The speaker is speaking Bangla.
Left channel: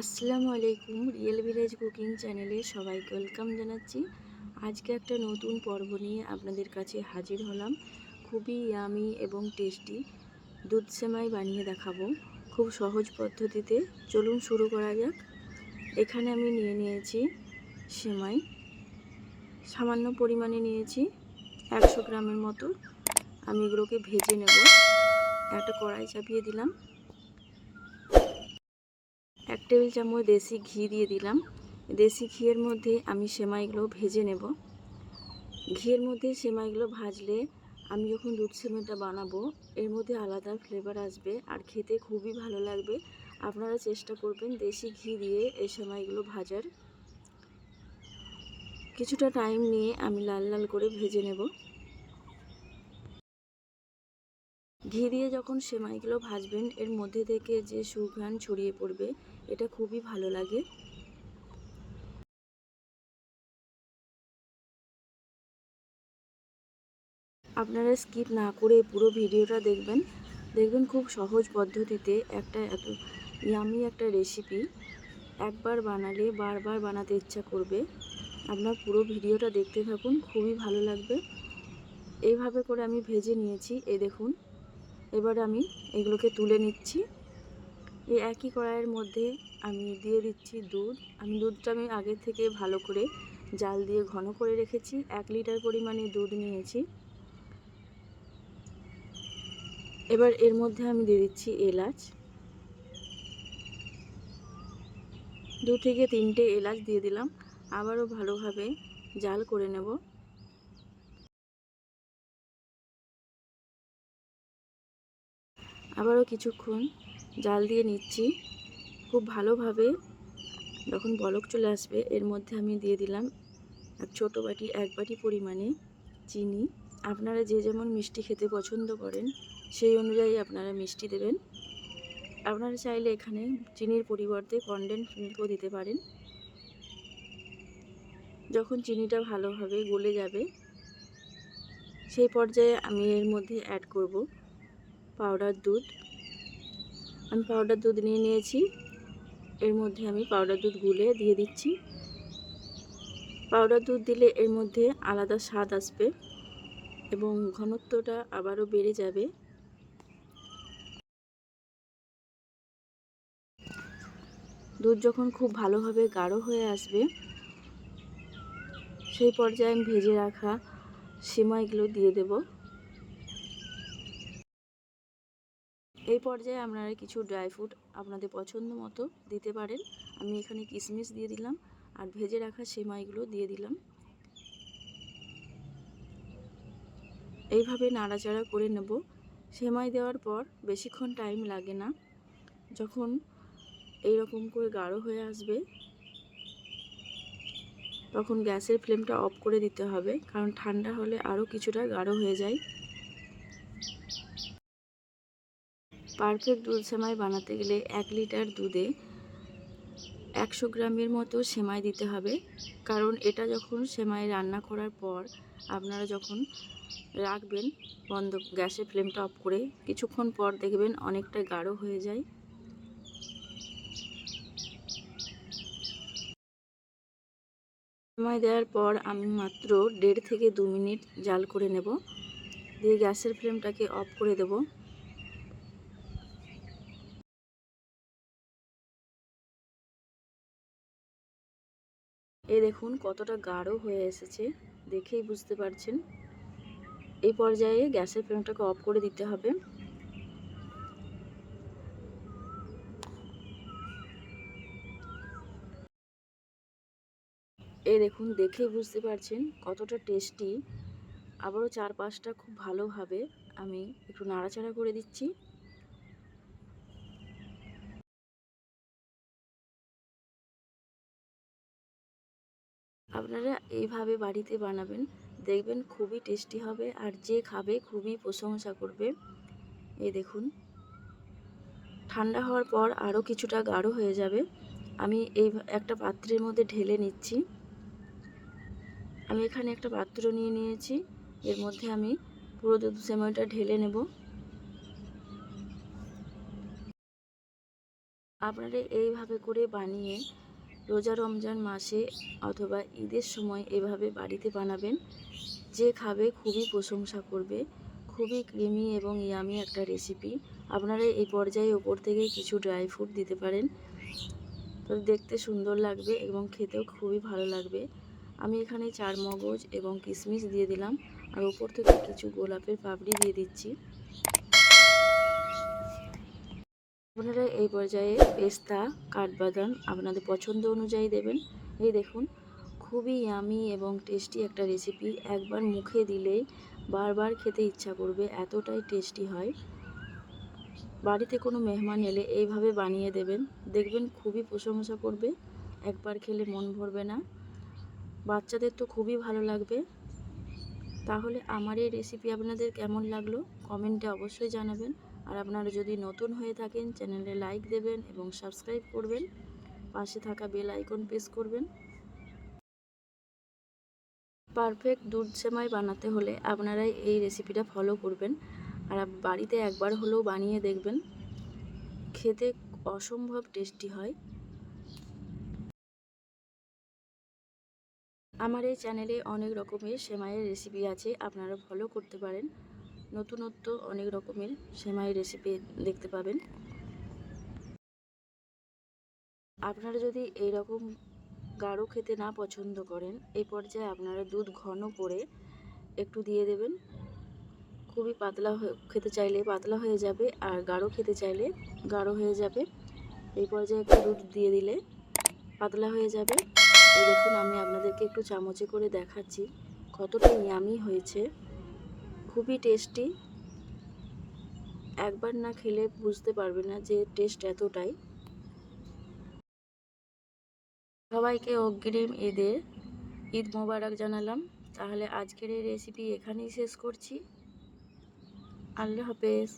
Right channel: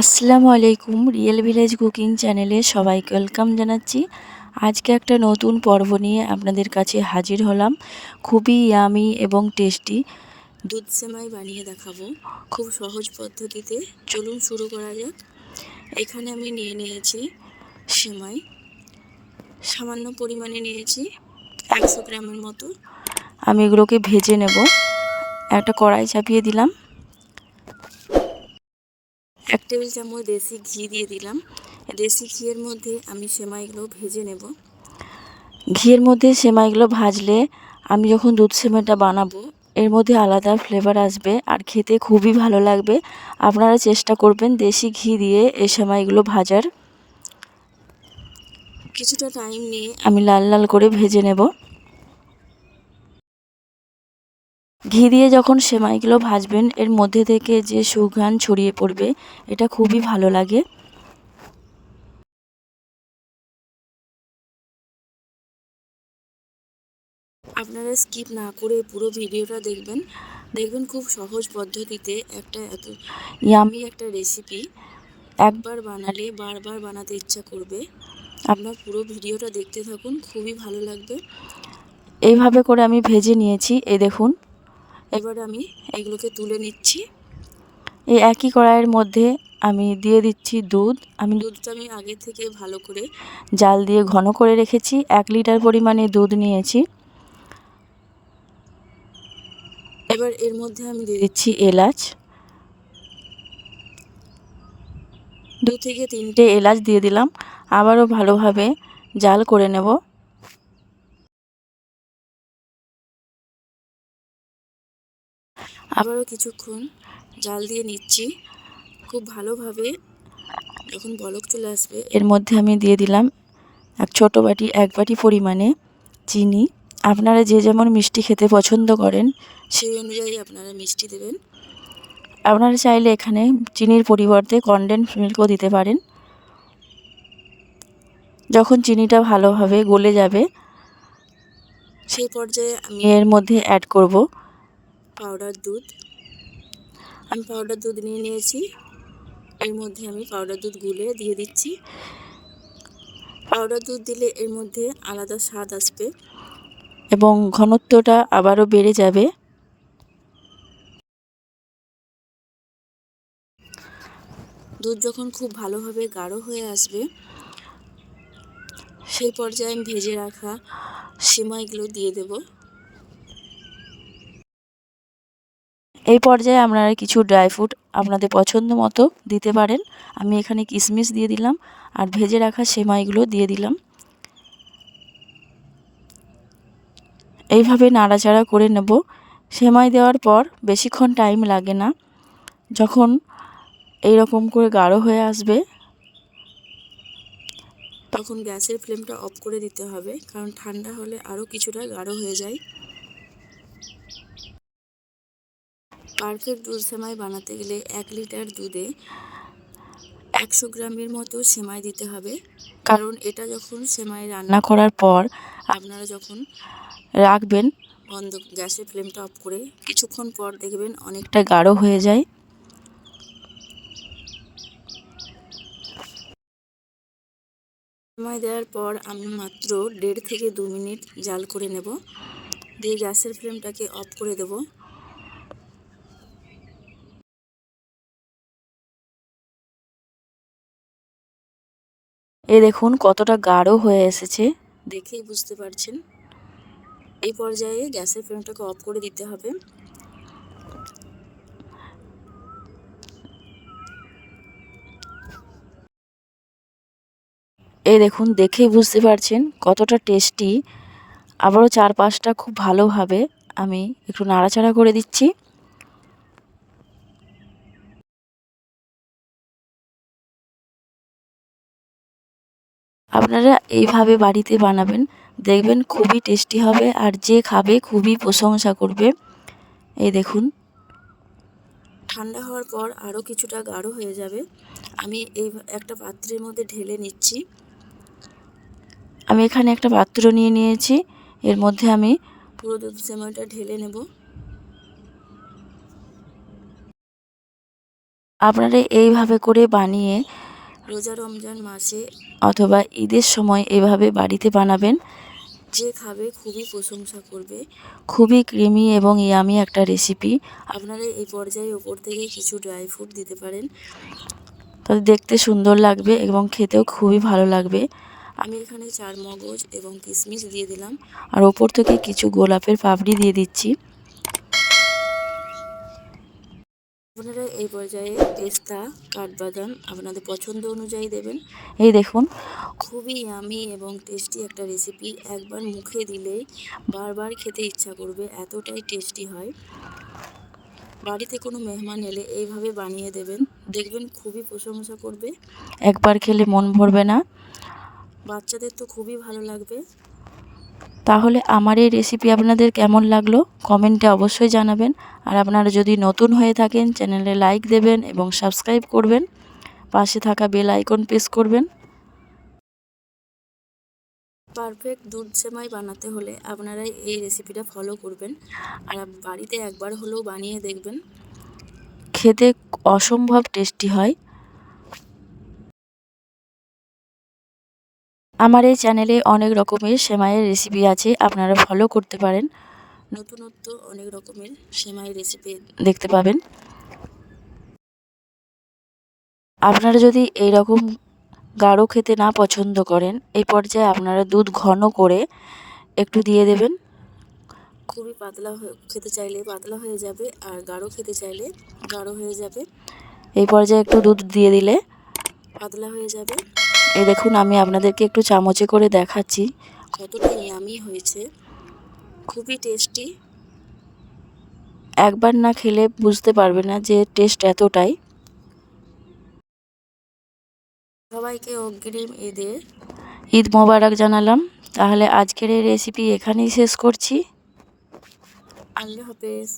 আসসালামু আলাইকুম রিয়েল ভিলেজ কুকিং চ্যানেলে সবাইকে ওয়েলকাম জানাচ্ছি। আজকে একটা নতুন পর্ব নিয়ে আপনাদের কাছে হাজির হলাম। খুবই ইয়ামি এবং টেস্টি দুধ সেমাই বানিয়ে দেখাবো খুব সহজ পদ্ধতিতে। চলুন শুরু করা যাক। এখানে আমি নিয়ে নিয়েছি সেমাই। সামান্য পরিমাণে নিয়েছি একশো গ্রামের মতো। আমি এগুলোকে ভেজে নেব। একটা কড়াই চাপিয়ে দিলাম। এক টেবিল চামচ দেশি ঘি দিয়ে দিলাম। দেশি ঘিয়ের মধ্যে আমি সেমাইগুলো ভেজে নেব। ঘিয়ের মধ্যে সেমাইগুলো ভাজলে আমি যখন দুধ সেমাইটা বানাবো, এর মধ্যে আলাদা ফ্লেভার আসবে আর খেতে খুবই ভালো লাগবে। আপনারা চেষ্টা করবেন দেশি ঘি দিয়ে এই সেমাইগুলো ভাজার। কিছুটা টাইম নিয়ে আমি লাল লাল করে ভেজে নেব। ঘি দিয়ে যখন সেমাইগুলো ভাজবেন, এর মধ্যে থেকে যে সুঘ্রাণ ছড়িয়ে পড়বে, এটা খুবই ভালো লাগে। আপনারা স্কিপ না করে পুরো ভিডিওটা দেখবেন। দেখবেন খুব সহজ পদ্ধতিতে একটা এত ইয়ামি একটা রেসিপি একবার বানালে বারবার বানাতে ইচ্ছা করবে। আপনার পুরো ভিডিওটা দেখতে থাকুন, খুবই ভালো লাগবে। এইভাবে করে আমি ভেজে নিয়েছি এই দেখুন। এবার আমি এগুলোকে তুলে নিচ্ছি। এই একই কড়াইয়ের মধ্যে আমি দিয়ে দিচ্ছি দুধ। আমি দুধটা আমি আগে থেকে ভালো করে জাল দিয়ে ঘন করে রেখেছি। এক লিটার পরিমাণে দুধ নিয়েছি। এবার এর মধ্যে আমি দিয়ে দিচ্ছি এলাচ। দু থেকে তিনটে এলাচ দিয়ে দিলাম। আবারও ভালোভাবে জাল করে নেব। আবারও কিছুক্ষণ জাল দিয়ে নিচ্ছি। খুব ভালোভাবে যখন বলক চলে আসবে, এর মধ্যে আমি দিয়ে দিলাম এক ছোটো বাটি, এক বাটি পরিমাণে চিনি। আপনারা যে যেমন মিষ্টি খেতে পছন্দ করেন, সেই অনুযায়ী আপনারা মিষ্টি দেবেন। আপনারা চাইলে এখানে চিনির পরিবর্তে কনডেন্স মিল্কও দিতে পারেন। যখন চিনিটা ভালোভাবে গলে যাবে, সেই পর্যায়ে আমি এর মধ্যে অ্যাড করব। পাউডার দুধ। আমি পাউডার দুধ নিয়ে নিয়েছি। এর মধ্যে আমি পাউডার দুধ গুলে দিয়ে দিচ্ছি। পাউডার দুধ দিলে এর মধ্যে আলাদা স্বাদ আসবে এবং ঘনত্বটা আবারও বেড়ে যাবে। দুধ যখন খুব ভালোভাবে গাঢ় হয়ে আসবে, সেই পর্যায়ে আমি ভেজে রাখা সিমাইগুলো দিয়ে দেব। এই পর্যায়ে আপনারা কিছু ড্রাই ফ্রুট আপনাদের পছন্দ মতো দিতে পারেন। আমি এখানে কিশমিশ দিয়ে দিলাম আর ভেজে রাখা সেমাইগুলো দিয়ে দিলাম। এইভাবে নাড়াচাড়া করে নেব। সেমাই দেওয়ার পর বেশিক্ষণ টাইম লাগে না। যখন এই রকম করে গাঢ় হয়ে আসবে, তখন গ্যাসের ফ্লেমটা অফ করে দিতে হবে। কারণ ঠান্ডা হলে আরও কিছুটা গাঢ় হয়ে যায়। পারফেক্ট দুধ সেমাই বানাতে গেলে এক লিটার দুধে একশো গ্রামের মতো সেমাই দিতে হবে। কারণ এটা যখন সেমাই রান্না করার পর আপনারা যখন রাখবেন, বন্ধ গ্যাসের ফ্লেমটা অফ করে কিছুক্ষণ পর দেখবেন অনেকটা গাঢ় হয়ে যায়। সেমাই দেওয়ার পর আমি মাত্র দেড় থেকে দু মিনিট জাল করে নেব। দিয়ে গ্যাসের ফ্লেমটাকে অফ করে দেব। এ দেখুন কতটা গাঢ় হয়ে এসেছে। দেখেই বুঝতে পারছেন। এই পর্যায়ে গ্যাসের ফ্লেমটাকে অফ করে দিতে হবে। এই দেখুন, দেখেই বুঝতে পারছেন কতটা টেস্টি আবারও চার পাঁচটা খুব ভালোভাবে আমি একটু নাড়াচাড়া করে দিচ্ছি। আপনারা এইভাবে বাড়িতে বানাবেন, দেখবেন খুবই টেস্টি হবে আর যে খাবে খুবই প্রশংসা করবে। এই দেখুন। ঠান্ডা হওয়ার পর আরও কিছুটা গাঢ় হয়ে যাবে। আমি এই একটা পাত্রের মধ্যে ঢেলে নিচ্ছি। আমি এখানে একটা পাত্র নিয়ে নিয়েছি। এর মধ্যে আমি পুরো দুধ সেমাইটা ঢেলে নেব। আপনারা এইভাবে করে বানিয়ে রোজা রমজান মাসে অথবা ঈদের সময় এভাবে বাড়িতে বানাবেন, যে খাবে খুবই প্রশংসা করবে। খুবই ক্রিমি এবং ইয়ামি একটা রেসিপি আপনারা এই পর্যায়ে ওপর থেকে কিছু ড্রাই ফ্রুট দিতে পারেন। তাতে দেখতে সুন্দর লাগবে এবং খেতেও খুবই ভালো লাগবে। আমি এখানে চার মগজ এবং কিশমিশ দিয়ে দিলাম। আর ওপর থেকে কিছু গোলাপের পাপড়ি দিয়ে দিচ্ছি। আপনারা এই পর্যায়ে পেস্তা কাঠবাদাম আপনাদের পছন্দ অনুযায়ী দেবেন। এই দেখুন। খুবই আমি এবং টেস্টি একটা রেসিপি একবার মুখে দিলেই বারবার খেতে ইচ্ছা করবে এতটাই টেস্টি হয়। বাড়িতে কোনো মেহমান এলে এইভাবে বানিয়ে দেবেন। দেখবেন খুবই প্রশংসা করবে। একবার খেলে মন ভরবে না। বাচ্চাদের তো খুবই ভালো লাগবে। তাহলে আমার এই রেসিপি আপনাদের কেমন লাগল? কমেন্টে অবশ্যই জানাবেন। আর আপনারা যদি নতুন হয়ে থাকেন চ্যানেলে লাইক দেবেন এবং সাবস্ক্রাইব করবেন। পাশে থাকা বেল আইকন প্রেস করবেন। পারফেক্ট দুধ সেমাই বানাতে হলে আপনারা এই রেসিপিটা ফলো করবেন। আর বাড়িতে একবার হলেও বানিয়ে দেখবেন। খেতে অসম্ভব টেস্টি হয়। আমার এই চ্যানেলে অনেক রকমের সেমাইয়ের রেসিপি আছে, আপনারা ফলো করতে পারেন। নতুনত্ব অনেক রকমের সেমাইয়ের রেসিপি দেখতে পাবেন। আপনারা যদি এই রকম গাঢ় খেতে না পছন্দ করেন, এই পর্যায়ে আপনারা দুধ ঘন করে একটু দিয়ে দেবেন। খুবই পাতলা খেতে চাইলে পাতলা হয়ে যাবে আর গাঢ় খেতে চাইলে গাঢ় হয়ে যাবে। এই পর্যায়ে একটু দুধ দিয়ে দিলে পাতলা হয়ে যাবে। এই দেখুন, আমি আপনাদেরকে একটু চামচে করে দেখাচ্ছি কতটা ইয়ামি হয়েছে। খুবই টেস্টি একবার না খেলে বুঝতে পারবে না যে টেস্ট এতটাই। সবাইকে অগ্রিম ঈদের ঈদ মোবারক জানালাম। তাহলে আজকের এই রেসিপি এখানেই শেষ করছি। আল্লাহ হাফেজ।